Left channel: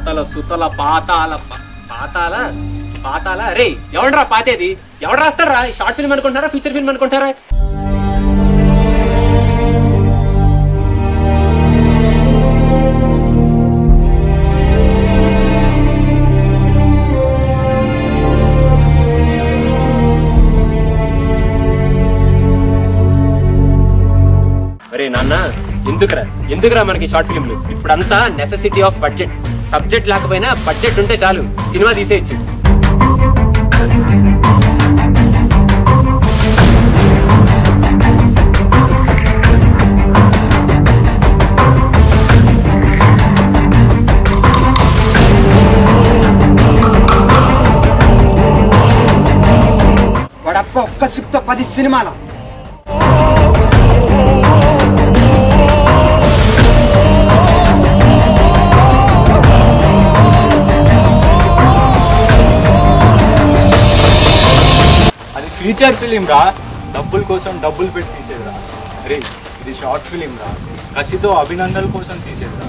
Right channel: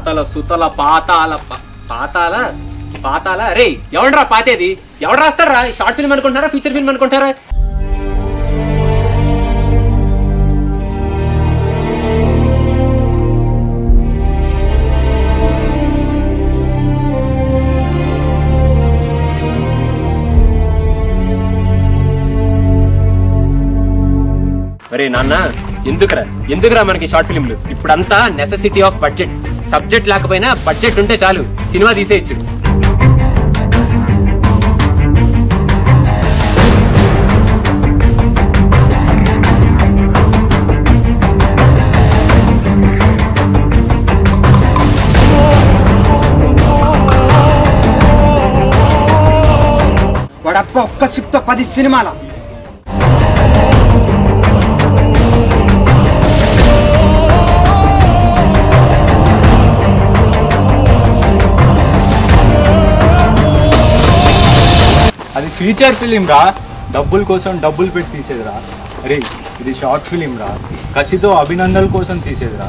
పాతల సుతల పాతాల పాతాల పాతాల రే ఎవడ్రా పాతేది? ఎవడు రాస్తారా? షార్ట్ ఫిల్మ్ అనుకుంటారా, ఫీచర్ ఫిల్మ్ అనుకుంటారా? అరే నాన్న, ఎందుకురా మనకి షార్ట్ ఫిల్మ్లు? ఇప్పుడంతా నెసెసిటీ ఆఫ్ బడ్జెట్. సబ్జెక్ట్ లేకపోయినా బడ్జెట్ ఉంటే చాలు, సినిమా తీసేయచ్చు. వాడప్ప ఒక్క స్క్రిప్ట్ తో 10 సినిమాల. అది ఫీచర్ ఫిలిం రా, డబ్బుల కోసం డబ్బులు పెట్టి తీసేదిరా. అరే ఇది షార్ట్ ఫిలిం రా, కసితో అభినందనల కోసం తీసేదిరా.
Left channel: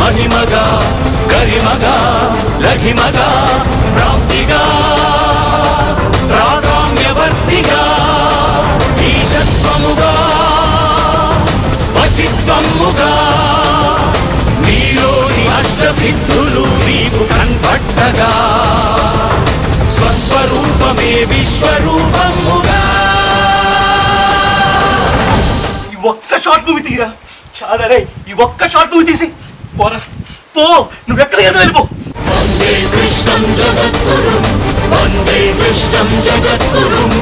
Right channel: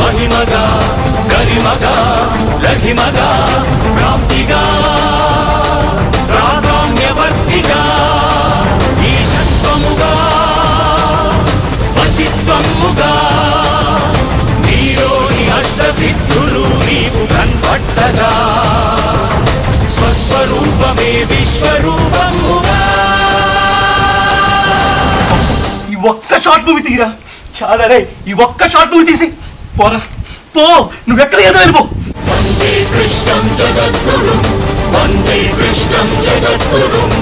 మహిమగా గరిమగా లఘిమగా ప్రాప్తిగా ప్రాగామ్యవర్తిగా ఈశత్వముగా వశిత్వముగా నీలోని అష్టసిద్ధులు నీకు కన్పట్టగా స్వస్వరూపమే విశ్వరూపముగా. ఈ ఒక్క షార్ట్ మూవీ తీరా చాలా రే, ఈ ఒక్క షార్ట్ మూవీ తీసి పోరా, పో, నువ్వెక్కడికి వెళ్ళిపో. వందే కృష్ణం జగద్గురుం, వందే కృష్ణం జగద్గురుం.